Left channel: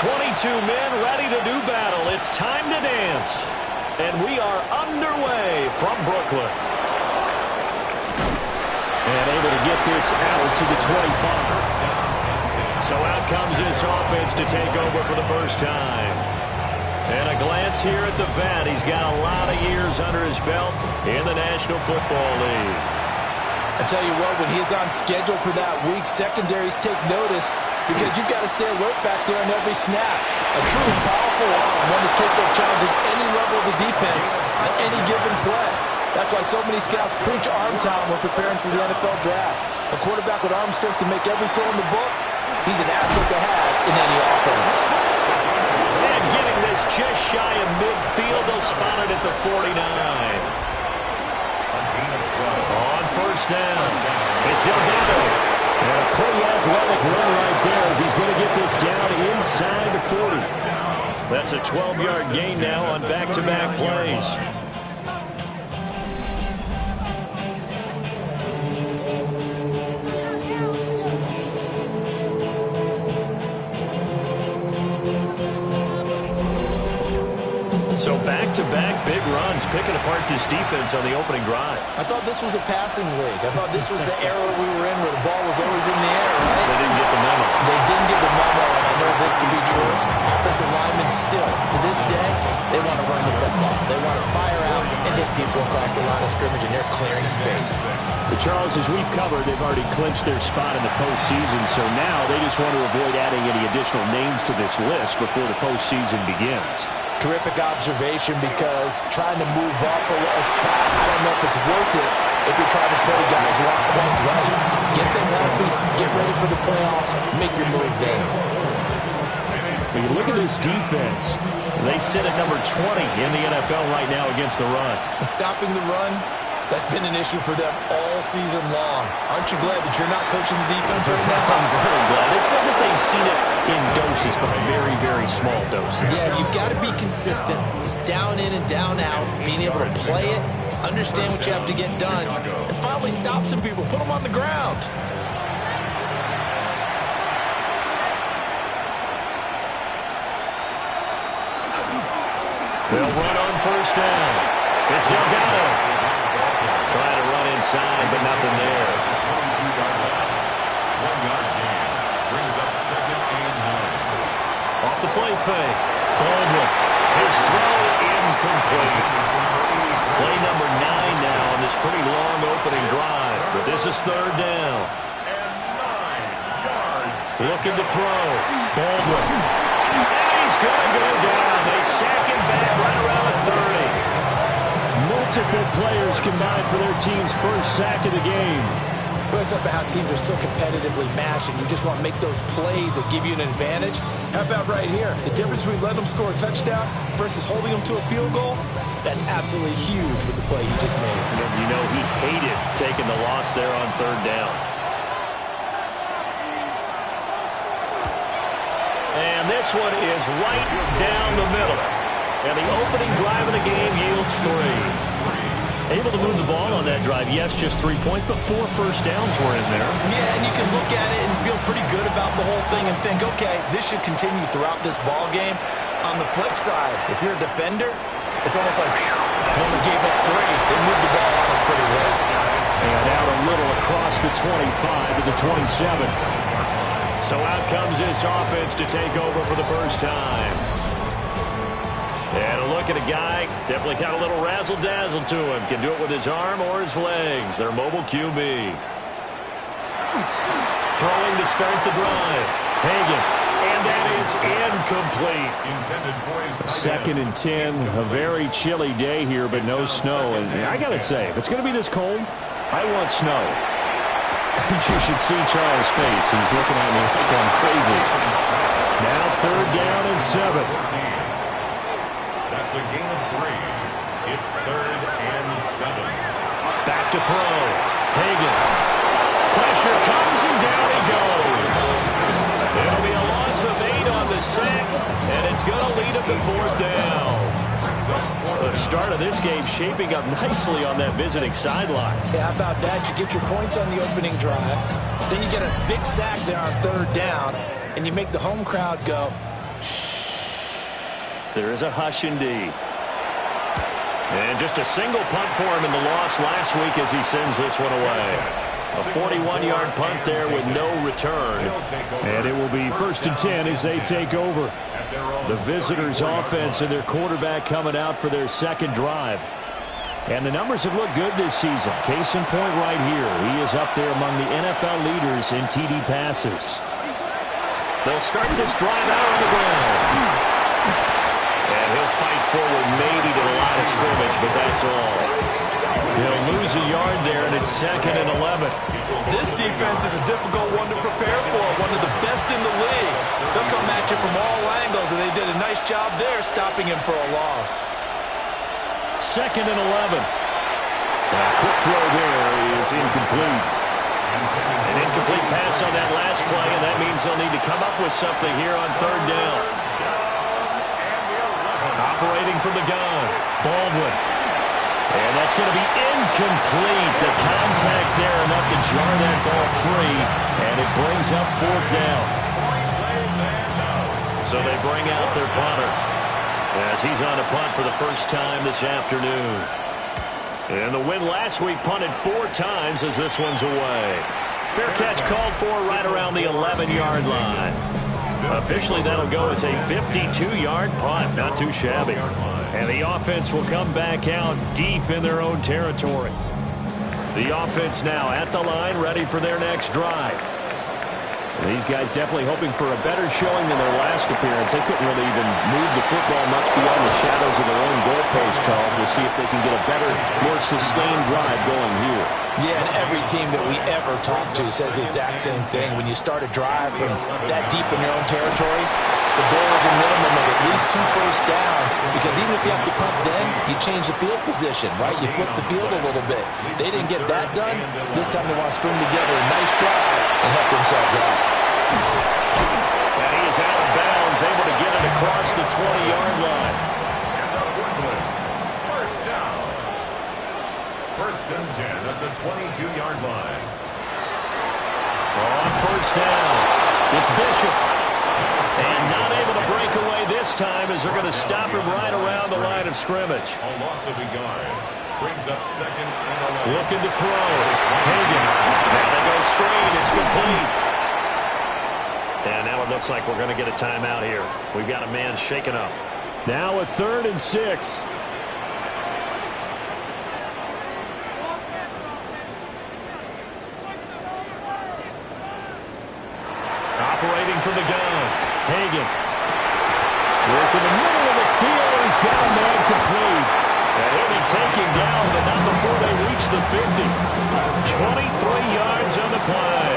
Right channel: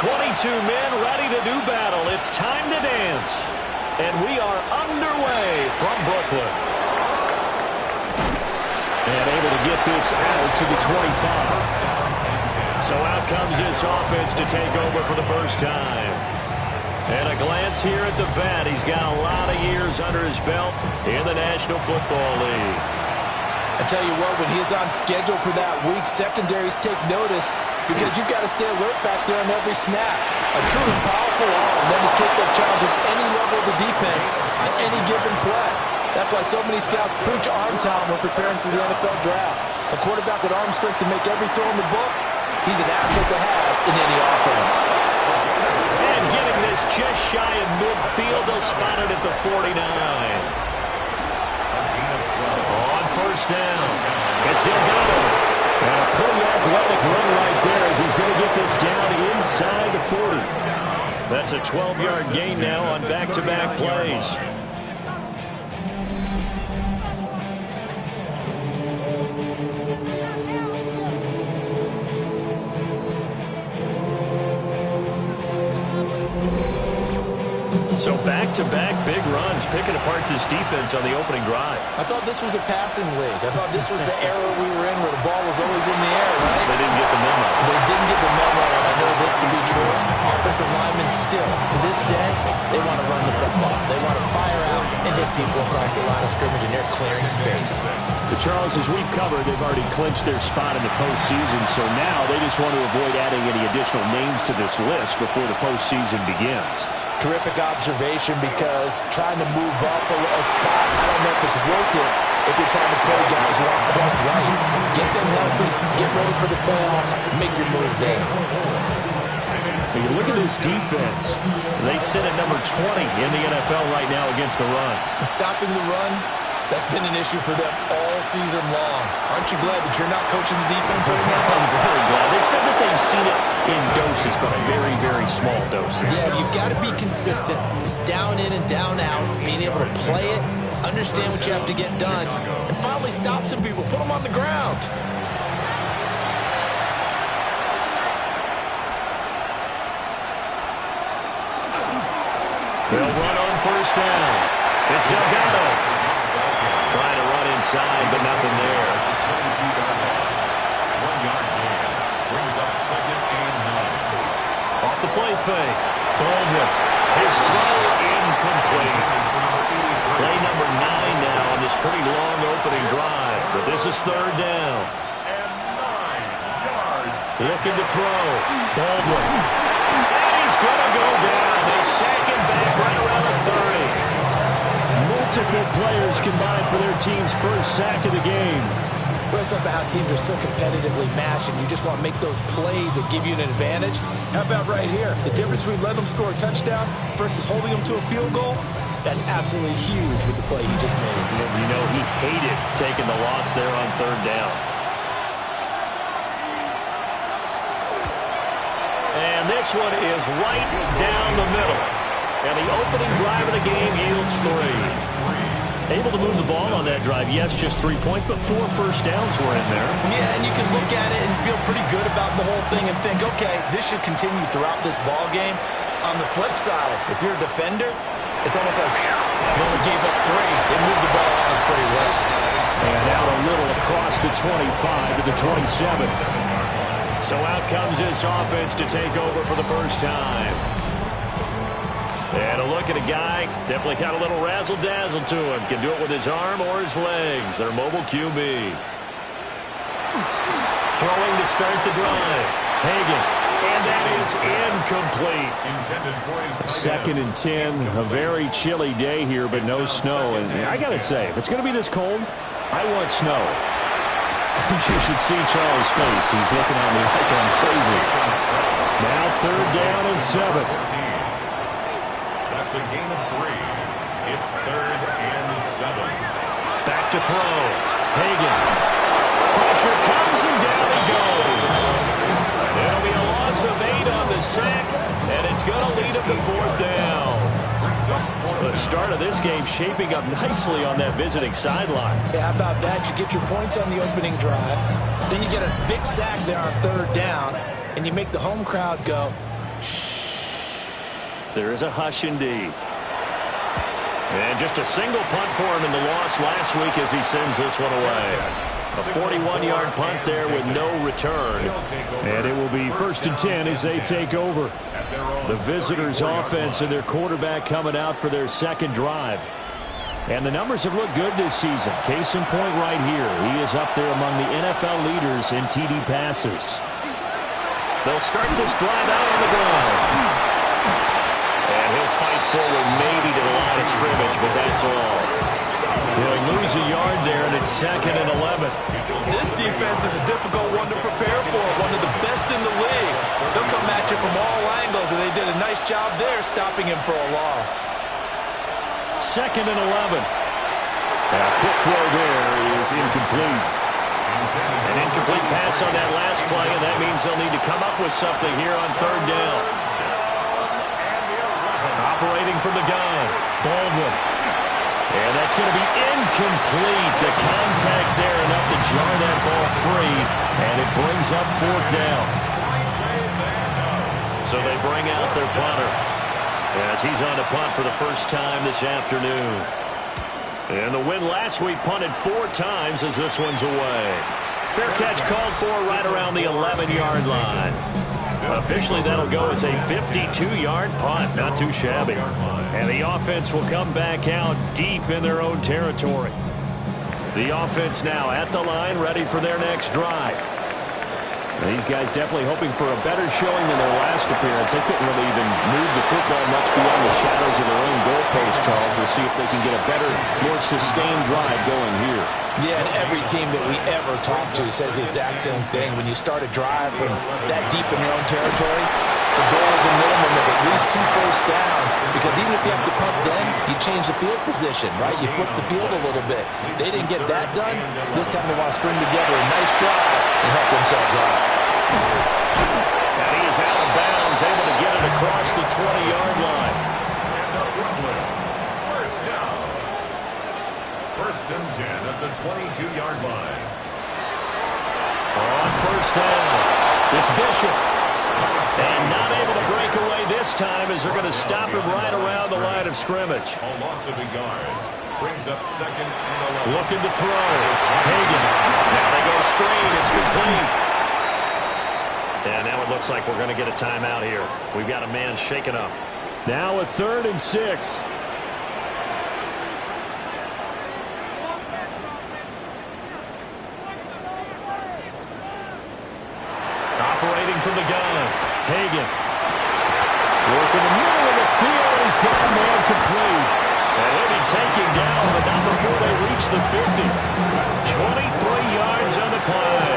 22 men ready to do battle. It's time to dance. And we are underway from Brooklyn. And able to get this out to the 25. So out comes this offense to take over for the first time. And a glance here at the vet. He's got a lot of years under his belt in the National Football League. I tell you what, when he's on schedule for that week, secondaries take notice because you've got to stay alert back there on every snap. A truly powerful arm, one is capable of challenging any level of the defense on any given play. That's why so many scouts preach arm talent when preparing for the NFL draft. A quarterback with arm strength to make every throw in the book, he's an asset to have in any offense. And getting this just shy of midfield, they'll spot it at the 49. On first down, it's Delgado. And a pretty athletic run right there as he's going to get this down inside the 40. That's a 12-yard gain now on back-to-back plays. So back-to-back big runs, picking apart this defense on the opening drive. I thought this was a passing league. I thought this was the era we were in where the ball was always in the air, right? They didn't get the memo. They didn't get the memo, and I know this to be true. Offensive linemen still, to this day, they want to run the football. They want to fire out and hit people across the line of scrimmage, and they're clearing space. But Charles, as we've covered, they've already clinched their spot in the postseason, so now they just want to avoid adding any additional names to this list before the postseason begins. Terrific observation, because trying to move up a spot, I don't know if it's worth it if you're trying to play guys who aren't quite right. Get them healthy, get ready for the playoffs, make your move there. When you look at this defense, they sit at number 20 in the NFL right now against the run. And stopping the run, that's been an issue for them all season long. Aren't you glad that you're not coaching the defense right now? I'm very glad. They said that they've seen it in doses, but very, very small doses. Yeah, you've got to be consistent. It's down in and down out, being able to play it, understand what you have to get done, and finally stop some people, put them on the ground. They'll run on first down. It's Delgado. Trying to run inside, but nothing there. 22-yard line. 1-yard gain. Brings up 2nd and 9. Off the play fake. Baldwin. His throw incomplete. Play number 9 now on this pretty long opening drive. But this is 3rd down. And 9 yards. Looking to throw. Baldwin. And he's going to go down. They sack him back right around the 30. multiple players combined for their team's first sack of the game. Well, it's about how teams are so competitively matched, and you just want to make those plays that give you an advantage. How about right here? The difference between letting them score a touchdown versus holding them to a field goal, that's absolutely huge with the play he just made. And you know, he hated taking the loss there on 3rd down. And this one is right down the middle. And the opening drive of the game yields 3. Able to move the ball on that drive. Yes, just 3 points, but 4 first downs were in there. Yeah, and you can look at it and feel pretty good about the whole thing and think, okay, this should continue throughout this ball game. On the flip side, if you're a defender, it's almost like, whew, they only gave up 3. They moved the ball on us pretty well. And out a little across the 25 to the 27. So out comes this offense to take over for the first time. And a look at a guy, definitely got a little razzle-dazzle to him. Can do it with his arm or his legs. Their mobile QB. Throwing to start the drive. Hagan. And that is incomplete. Intended for his tight 2nd and 10. A very chilly day here, but no snow. And I got to say, if it's going to be this cold, I want snow. You should see Charles' face. He's looking at me like I'm crazy. Now 3rd down and 7. That's a gain of 3. It's 3rd and 7. Back to throw. Hagan. Pressure comes and down he goes. It'll be a loss of 8 on the sack, and it's going to lead him to 4th down. The start of this game shaping up nicely on that visiting sideline. Yeah, how about that? You get your points on the opening drive, then you get a big sack there on 3rd down, and you make the home crowd go, There is a hush indeed. And just a single punt for him in the loss last week as he sends this one away. A 41-yard punt there with no return. And it will be 1st and 10 as they take over. The visitors' offense and their quarterback coming out for their second drive. And the numbers have looked good this season. Case in point right here. He is up there among the NFL leaders in TD passes. They'll start this drive out on the ground. And he'll fight forward maybe to the line of scrimmage, but that's all. He'll lose a yard there, and it's 2nd and 11. This defense is a difficult one to prepare for, one of the best in the league. They'll come at you from all angles, and they did a nice job there stopping him for a loss. 2nd and 11. A quick throw there is incomplete. An incomplete pass on that last play, and that means they'll need to come up with something here on 3rd down. Operating from the gun, Baldwin. And that's going to be incomplete. The contact there enough to jar that ball free, and it brings up 4th down. So they bring out their punter as he's on to punt for the first time this afternoon. And the win last week punted 4 times as this one's away. Fair catch called for right around the 11-yard line. Officially, that'll go as a 52-yard punt. Not too shabby. And the offense will come back out deep in their own territory. The offense now at the line, ready for their next drive. These guys definitely hoping for a better showing than their last appearance. They couldn't really even move the football much beyond the shadows of their own goalpost, Charles. We'll see if they can get a better, more sustained drive going here. Yeah, and every team that we ever talk to says the exact same thing. When you start a drive from that deep in your own territory, the goal is a minimum of at least 2 first downs, because even if you have to punt then, you change the field position, right? You flip the field a little bit. They didn't get that done. This time they want to string together a nice drive and help themselves out. And he is out of bounds, able to get it across the 20-yard line. And up Brooklyn, first down. 1st and 10 at the 22-yard line. On 1st down, it's Bishop. And not able to break away this time as they're going to stop him right around the line of scrimmage. A loss of a yard. Brings up 2nd and 11. Looking to throw. Hagan. Now they go screen. It's complete. And now it looks like we're going to get a timeout here. We've got a man shaken up. Now a 3rd and 6. Operating from the gun. Hagan. Working the middle of the field, and he's got a man complete. And he'll be taken down, but not before they reach the 50. 23 yards on the play.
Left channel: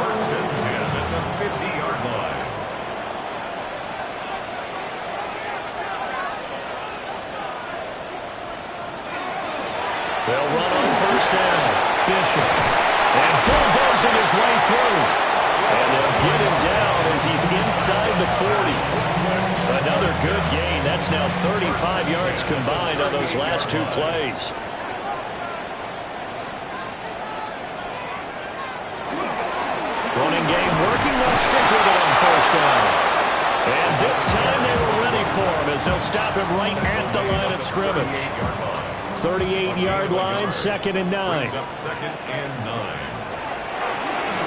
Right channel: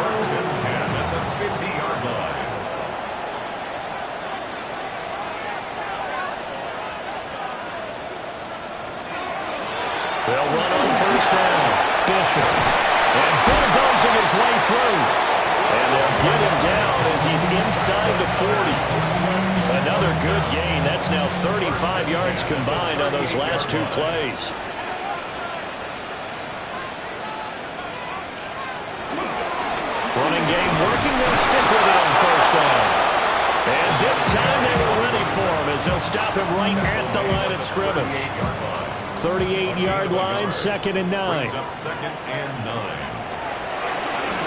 1st and 10 at the 50-yard line. They'll run on 1st down. Bishop. And bulldozing his way through. And they'll get him down as he's inside the 40. Another good gain. That's now 35 yards combined on those last 2 plays. Running game working. They'll stick with it on 1st down. And this time they were ready for him as they'll stop him right at the line of scrimmage. 38-yard line, 2nd and 9. Brings up 2nd and 9.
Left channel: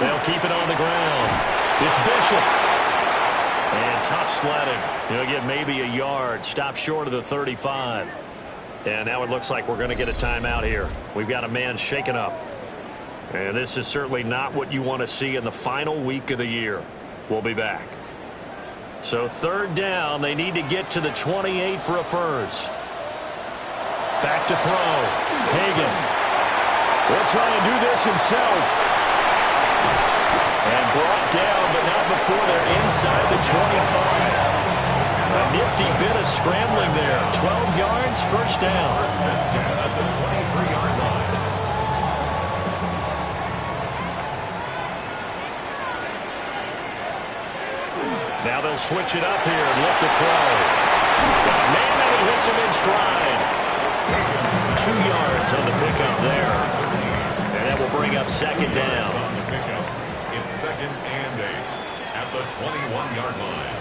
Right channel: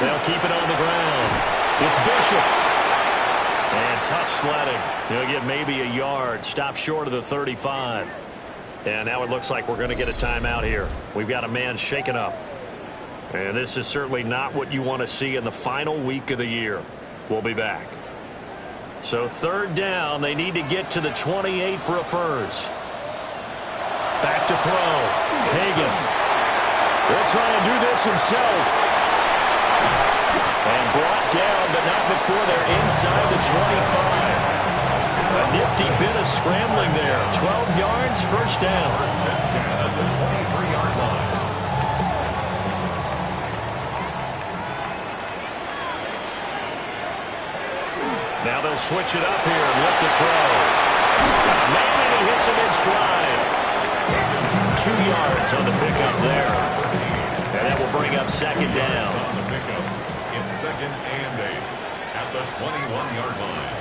They'll keep it on the ground. It's Bishop. And tough sledding. He'll get maybe a yard. Stop short of the 35. And now it looks like we're going to get a timeout here. We've got a man shaken up. And this is certainly not what you want to see in the final week of the year. We'll be back. So 3rd down. They need to get to the 28 for a first. Back to throw. Hagan. He'll try and do this himself. And brought down, but not before they're inside the 25. A nifty bit of scrambling there. 12 yards, 1st down. 1st and 10 at the 23-yard line. Now they'll switch it up here and look to throw. Got a man, and he hits him in stride. 2 yards on the pickup there. And that will bring up 2nd down. On the pickup, it's 2nd and 8. at the 21-yard line.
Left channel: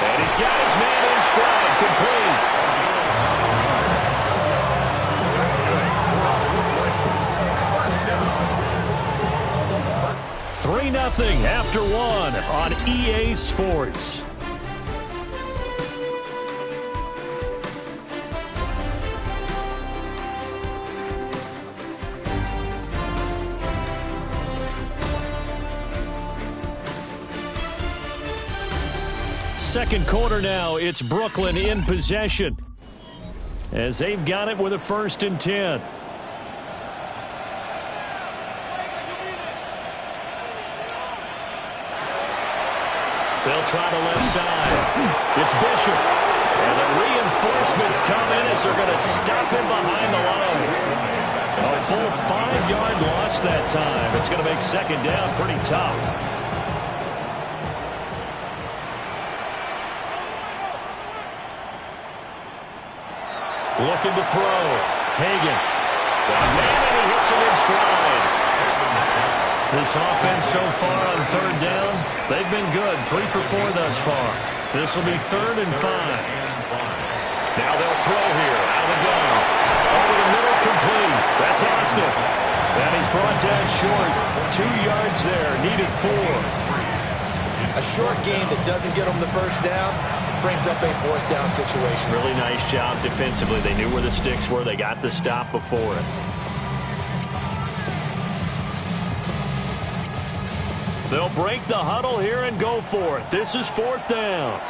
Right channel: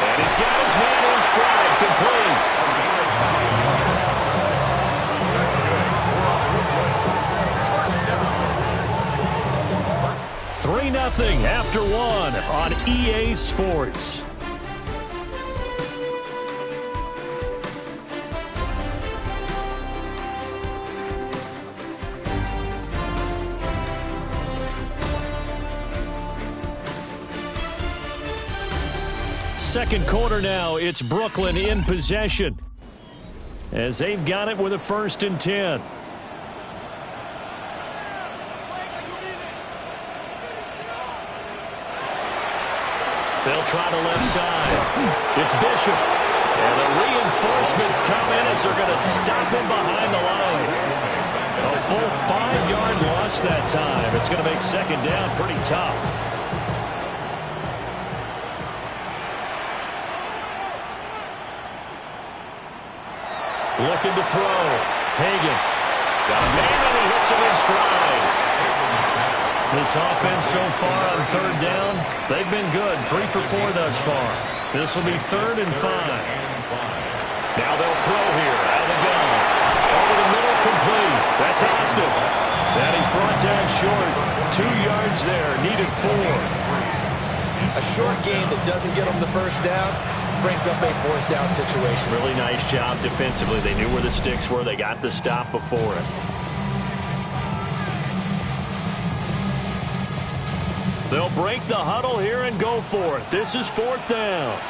And he's got his man in stride, complete. 3-0 after one on EA Sports. Second quarter now, it's Brooklyn in possession as they've got it with a 1st and 10. They'll try the left side. It's Bishop. And the reinforcements come in as they're going to stop him behind the line. A full 5-yard loss that time. It's going to make second down pretty tough. Looking to throw. Hagan. Got a man and he hits him in stride. This offense so far on 3rd down, they've been good. 3 for 4 thus far. This will be 3rd and 5. Now they'll throw here out of the gun. Over the middle, complete. That's Austin. And he's brought down short. 2 yards there. Needed 4. A short gain that doesn't get them the 1st down brings up a 4th down situation. Really nice job defensively. They knew where the sticks were. They got the stop before it. They'll break the huddle here and go for it. This is 4th down.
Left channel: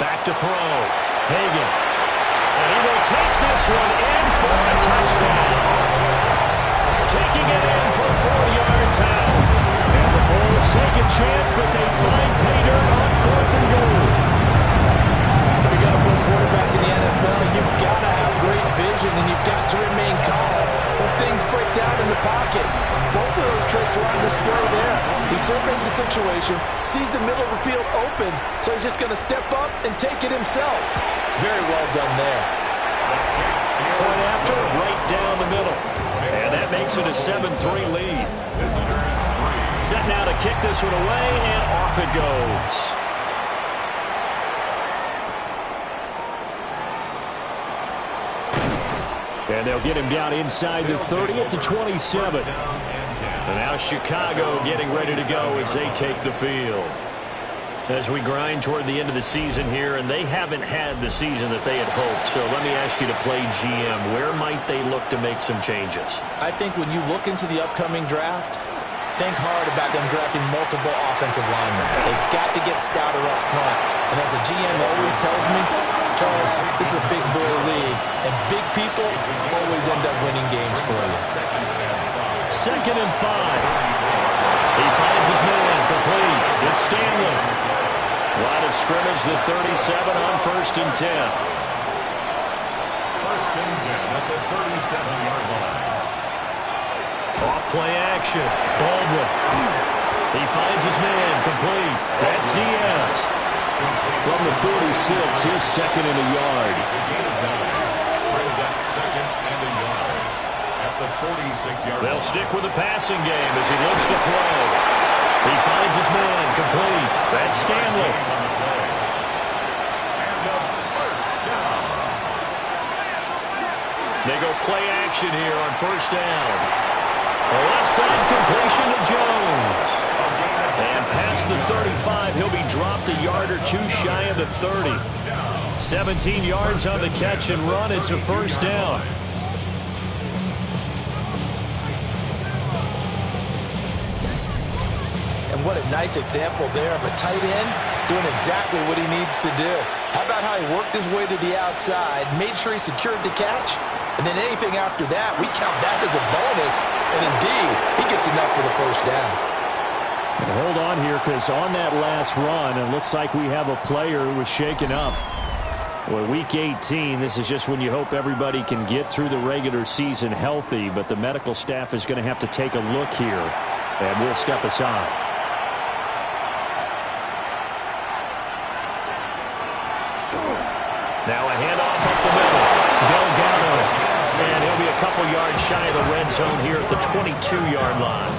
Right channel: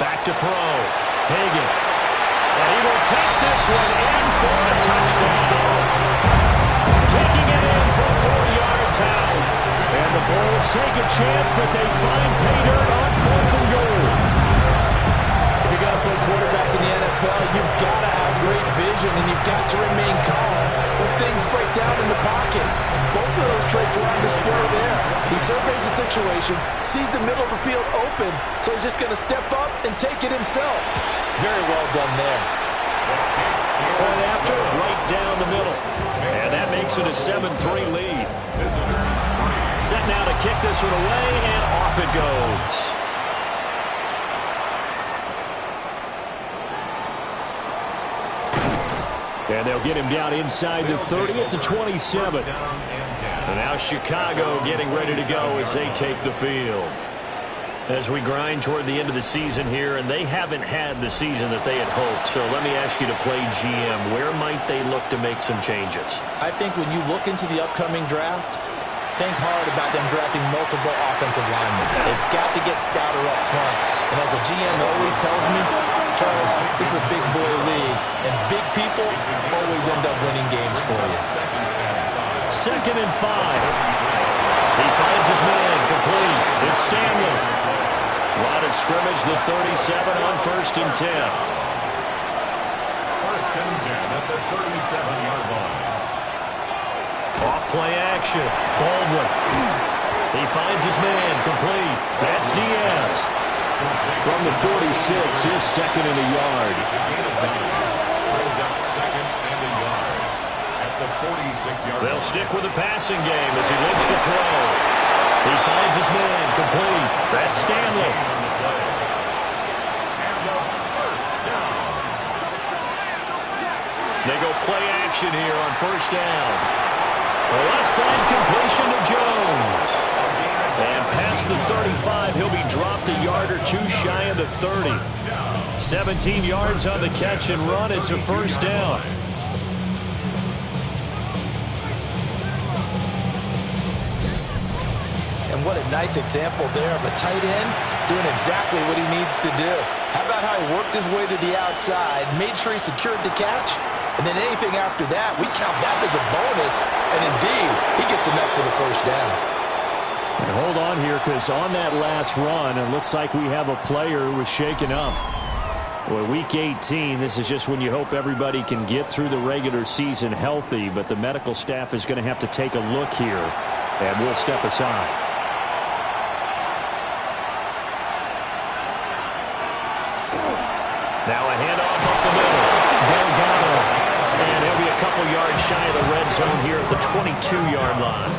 Back to throw. Hagan. And he will take this one in for a touchdown. Taking it in for 4 yards out. And the Bulls take a chance, but they find pay dirt on 4th and goal. If you're going to play quarterback in the NFL, you've got to have great vision, and you've got to remain calm when things break down in the pocket. Both of those traits were on display there. He surveys the situation, sees the middle of the field open, so he's just going to step up and take it himself. Very well done there. Point after, right down the middle. And that makes it a 7-3 lead. Set now to kick this one away, and off it goes. And they'll get him down inside the 30 at the 27. And now Chicago getting ready to go as they take the field. As we grind toward the end of the season here, and they haven't had the season that they had hoped. So let me ask you to play GM. Where might they look to make some changes? I think when you look into the upcoming draft, think hard about them drafting multiple offensive linemen. They've got to get stouter up front. And as a GM always tells me, Charles, this is a big boy league, and big people always end up winning games for you. 2nd and 5. He finds his man, complete. It's Stanley. Line of scrimmage, the 37 on 1st and 10. 1st and 10 at the 37-yard line. Off play action. Baldwin. He finds his man, complete. That's Diaz. From the 46, here's 2nd and a yard. It's a gain of 9. Brings up 2nd and a yard at the 46-yard line. They'll stick with the passing game as he looks to throw. He finds his man, complete. That's Stanley. On the play. And a 1st down. They go play action here on 1st down. The left side completion to Jones. And past the 35, he'll be dropped a yard or 2 shy of the 30. 17 yards on the catch and run. It's a 1st down. And what a nice example there of a tight end doing exactly what he needs to do. How about how he worked his way to the outside, made sure he secured the catch, and then anything after that, we count that as a bonus. And indeed, he gets enough for the 1st down. And hold on here, because on that last run, it looks like we have a player who was shaken up. Well, week 18, this is just when you hope everybody can get through the regular season healthy, but the medical staff is going to have to take a look here, and we'll step aside. Now a handoff up the middle. Delgado. And he'll be a couple yards shy of the red zone here at the 22-yard line.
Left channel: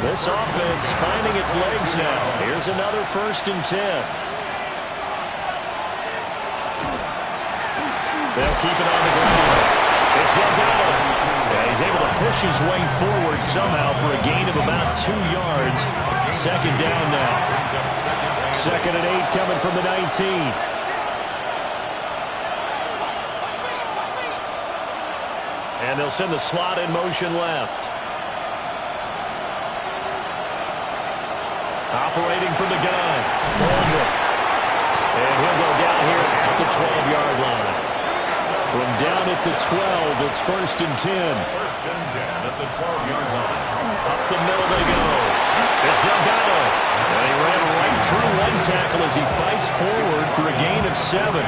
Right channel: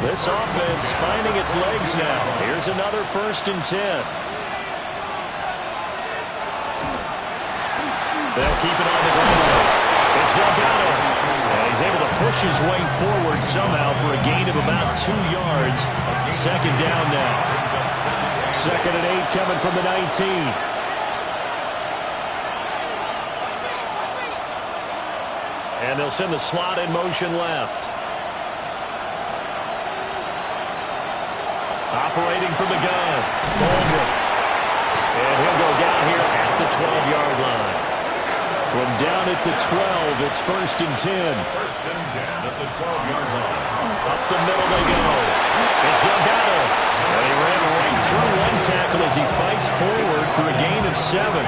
This offense finding its legs now. Here's another 1st and 10. They'll keep it on the ground. It's Delgado. And he's able to push his way forward somehow for a gain of about 2 yards. 2nd down now. 2nd and 8 coming from the 19. And they'll send the slot in motion left. Operating from the gun. Baldwin. And he'll go down here at the 12-yard line. From down at the 12, it's 1st and 10. 1st and 10 at the 12-yard line. Up the middle they go. It's Delgado. And he ran right through one tackle as he fights forward for a gain of 7.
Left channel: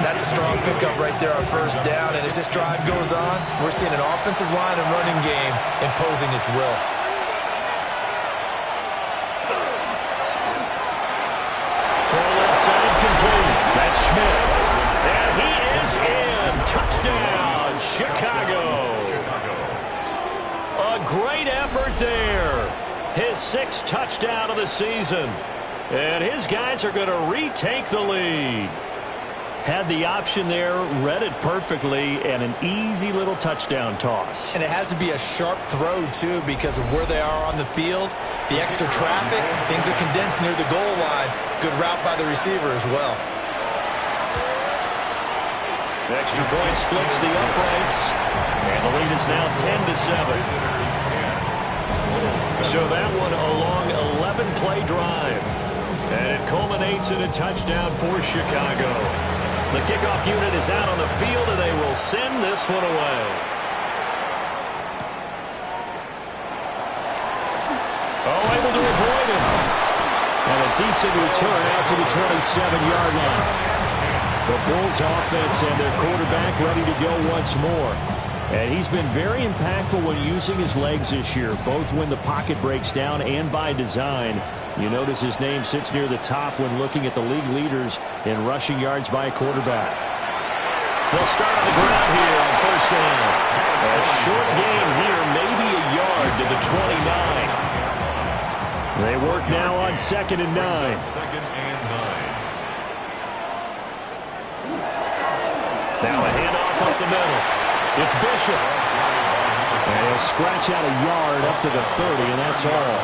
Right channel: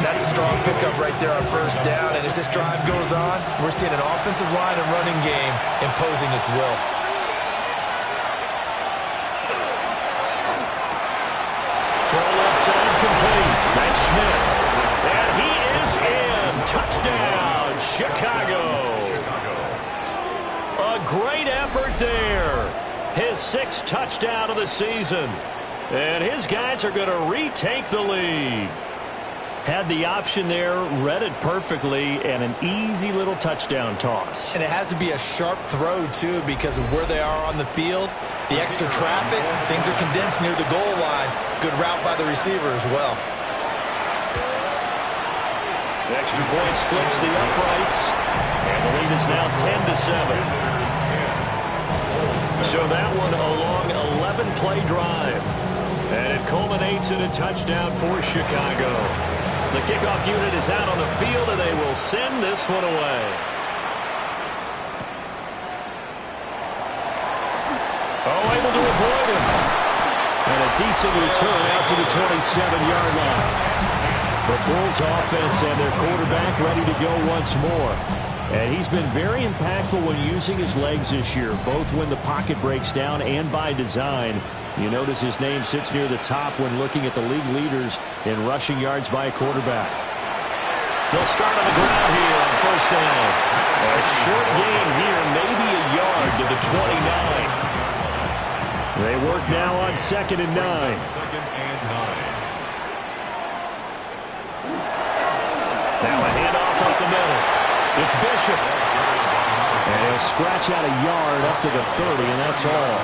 That's a strong pickup right there on 1st down. And as this drive goes on, we're seeing an offensive line and running game imposing its will. Throw left side complete. That's Schmidt. And he is in. Touchdown, Chicago. A great effort there. His 6th touchdown of the season. And his guys are going to retake the lead. Had the option there, read it perfectly, and an easy little touchdown toss. And it has to be a sharp throw, too, because of where they are on the field. The extra traffic, things are condensed near the goal line. Good route by the receiver as well. The extra point splits the uprights, and the lead is now 10-7. So that one a long 11-play drive, and it culminates in a touchdown for Chicago. The kickoff unit is out on the field, and they will send this one away. Oh, able to avoid him. And a decent return out to the 27-yard line. The Bulls offense and their quarterback ready to go once more. And he's been very impactful when using his legs this year, both when the pocket breaks down and by design. You notice his name sits near the top when looking at the league leaders in rushing yards by a quarterback. They'll start on the ground here on 1st down. A short gain here, maybe a yard to the 29. They work now on 2nd and 9. 2nd and 9. Now a handoff up the middle. It's Bishop. And he'll scratch out a yard up to the 30, and that's all.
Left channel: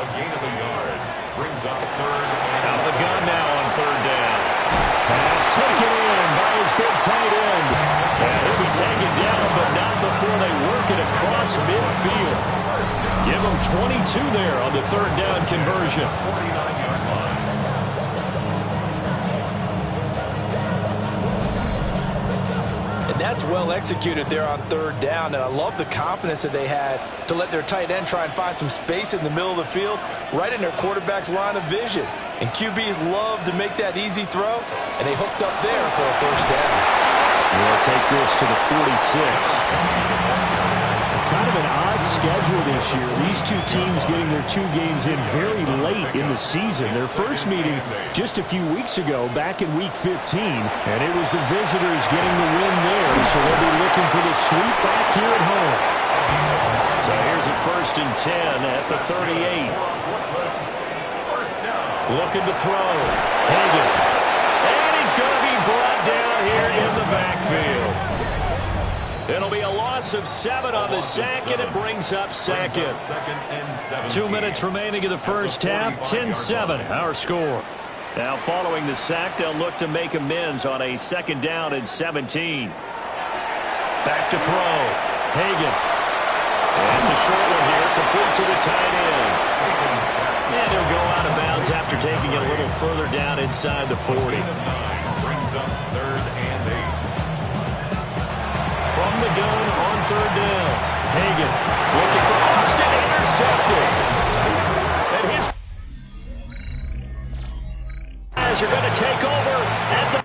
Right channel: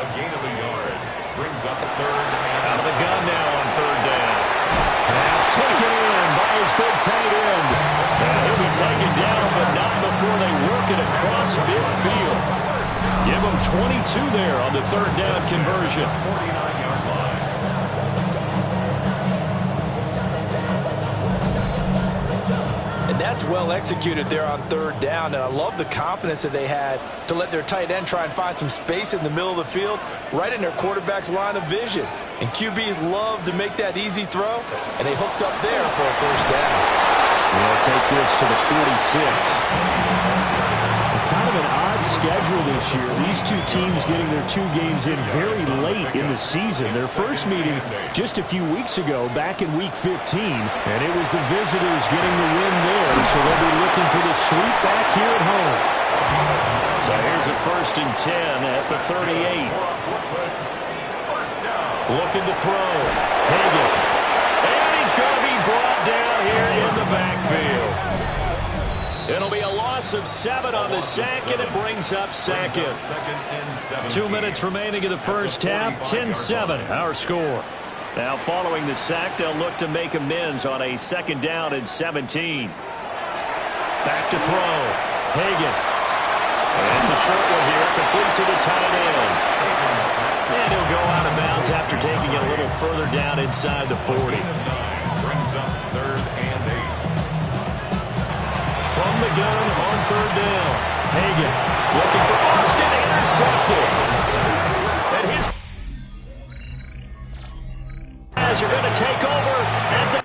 A gain of a yard brings up 3rd and out of the gun now on 3rd down. Pass taken in by his big tight end. And he'll be taken down, but not before they work it across midfield. Give him 22 there on the 3rd down conversion. 49-yard line. And that's well executed there on 3rd down. And I love the confidence that they had to let their tight end try and find some space in the middle of the field, right in their quarterback's line of vision. And QBs love to make that easy throw, and they hooked up there for a 1st down. They'll take this to the 46. Kind of an odd schedule this year. These two teams getting their 2 games in very late in the season. Their first meeting just a few weeks ago, back in Week 15, and it was the visitors getting the win there, so they'll be looking for the sweep back here at home. So here's a 1st and 10 at the 38. Looking to throw. Hagan. And he's going to be brought down here in the backfield. It'll be a loss of 7 on the sack, and it brings up 2nd. 2 minutes remaining in the first half. 10-7, our score. Now following the sack, they'll look to make amends on a 2nd down and 17. Back to throw. Hagan. And it's a short one here, complete to the tight end. And he'll go out of bounds after taking it a little further down inside the 40. Brings up 3rd and 8. From the gun on 3rd down. Hagan looking for Austin, intercepted. And his guys are going to take over at the